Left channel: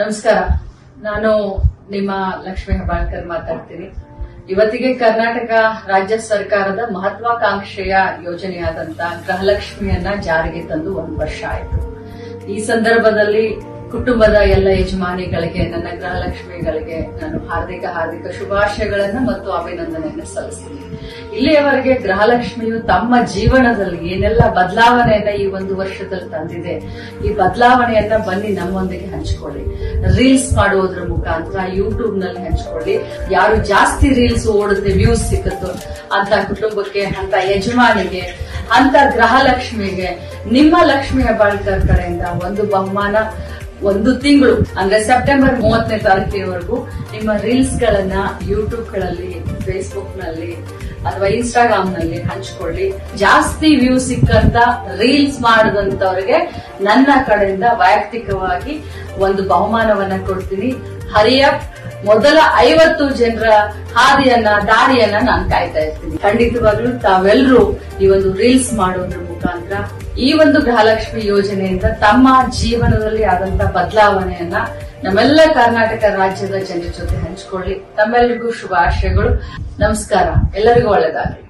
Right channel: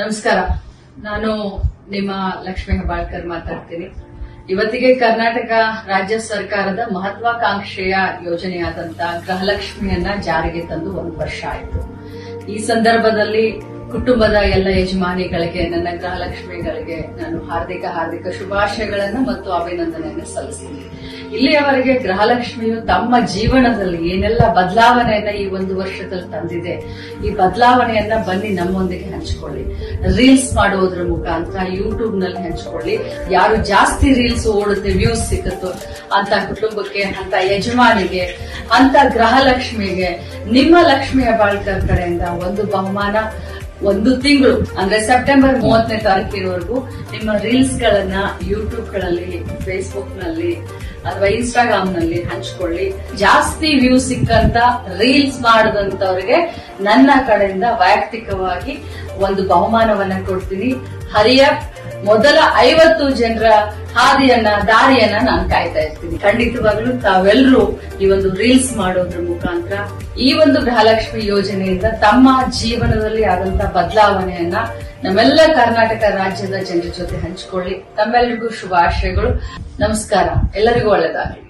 ನಮಸ್ಕಾರ. ನಾನು ನಿಮ್ಮ ಲಕ್ಷ್ಮೀ ಹೆಬ್ಬಾಳ್ಕರ್ ಮಾತಾಡ್ತೀನಿ. ಇವತ್ತಿಗೆ ಕರ್ನಾಟಕ ರಾಜ್ಯ ಸರ್ಕಾರದ ಮಹತ್ವಾಕಾಂಕ್ಷೆಯ ಯೋಜನೆಯಾದಂತಹ ಗೃಹಲಕ್ಷ್ಮಿಯನ್ನ ಜಾರಿಗೆ ತಂದು 1 ವರ್ಷ ಆಯಿತು. ಈ ಸಂದರ್ಭದಲ್ಲಿ ಕುಟುಂಬದ ಎಲ್ಲ ಯಜಮಾನಿಗಳಿಗೆ, ನನ್ನ ಗೃಹಲಕ್ಷ್ಮಿಗಳಿಗೆ ನಾನು ಹಾರ್ದಿಕ ಶುಭಾಶಯಗಳನ್ನು ಮತ್ತು ಅಭಿನಂದನೆಯನ್ನು ಸಲ್ಲಿಸ್ತೀನಿ. ಇಲ್ಲಿಯವರೆಗೆ ಗೃಹಲಕ್ಷ್ಮಿಯು ತಮ್ಮ ಜೀವನದಲ್ಲಿ ಏನೆಲ್ಲ ಬದಲಾವಣೆಯನ್ನ ಈ 1 ವರ್ಷದಲ್ಲಿ ತಂದಿದೆ, ಈ ಬದಲಾವಣೆಯನ್ನ ಬನ್ನಿ ನಮ್ಮೊಂದಿಗೆ ಹಂಚಿಕೊಳ್ಳಿ. ರೀಲ್ಸ್ ಮಾಡೋದ್ರ ಮುಖಾಂತರ ಯೂಟ್ಯೂಬ್ ನಲ್ಲಿ ಹಂಚಿಕೊಳ್ಳಿ. ಯಾರು ಜಾಸ್ತಿ ರೀಲ್ಸ್ ಓಡುತ್ತೆ, ವ್ಯೂಸ್ ಸಿಕ್ಕುತ್ತೋ ಅಂತ ಕುಟುಂಬಕ್ಕೆ, ಅಂತ ಯಜಮಾನಿಗೆ, ಅಂತ ಗೃಹಲಕ್ಷ್ಮಿಗೆ ನಿಮ್ಮ ಲಕ್ಷ್ಮೀ ಹೆಬ್ಬಾಳ್ಕರ್ ಕಡೆಯಿಂದ ಒಂದು ಬಹುಮಾನ 1 ತಿಂಗಳು ಅಂದ್ರೆ ಸೆಪ್ಟೆಂಬರ್ 30ನೇ ತಾರೀಕಿನವರೆಗೂ ನಿಮ್ಮ ರೀಲ್ಸ್ ಗಳನ್ನ ಯೂಟ್ಯೂಬ್ ಗಳಲ್ಲಿ, ಫೇಸ್ಬುಕ್ ನಲ್ಲಿ ಅಥವಾ ಇನ್ಸ್ಟಾಗ್ರಾಮ್ ನಲ್ಲಿ ಹಂಚಿಕೊಳ್ಳಿ. ಜಾಸ್ತಿ ವ್ಯೂ ಸಿಕ್ಕಂತ ರೀಲ್ಸ್ ಮಾಡಿದಂತವರಿಗೆ ನನ್ನ ಕಡೆಯಿಂದ ವೈಯಕ್ತಿಕವಾಗಿ ಒಂದು ಬಹುಮಾನವನ್ನ ಕೊಡ್ತೀನಿ. ಹರಿಯಪ್ ಮೊದಲ 50 ಜನರ ದಾರಿಯನ್ನ ನಾನು ಕಾಯ್ತಾ ಇರ್ತೀನಿ. ಖಂಡಿತವಾಗ್ಲೂ ತಾವೆಲ್ಲರೂ ಈ ಒಂದು ರೀಲ್ಸ್ ಮಾಡೋದ್ರ ಮುಖಾಂತರ ಈ ಒಂದು ಗೃಹಲಕ್ಷ್ಮಿ ಯೋಜನೆಯಿಂದ ತಮ್ಮ ಜೀವನದಲ್ಲಿ ಆದಂತಹ ಬದಲಾವಣೆಯನ್ನ ನಮ್ಮೆಲ್ಲ ಕರ್ನಾಟಕ ರಾಜ್ಯದ ಜನರ ಜೊತೆ ಹಂಚಿಕೊಳ್ಳಿ. ತಮ್ಮೆಲ್ಲರಿಗೂ ಶುಭಾಶಯಗಳು. ನಮಸ್ಕಾರ. ಎಲ್ಲರಿಗೂ ಒಳ್ಳೆಯದಾಗಲಿ.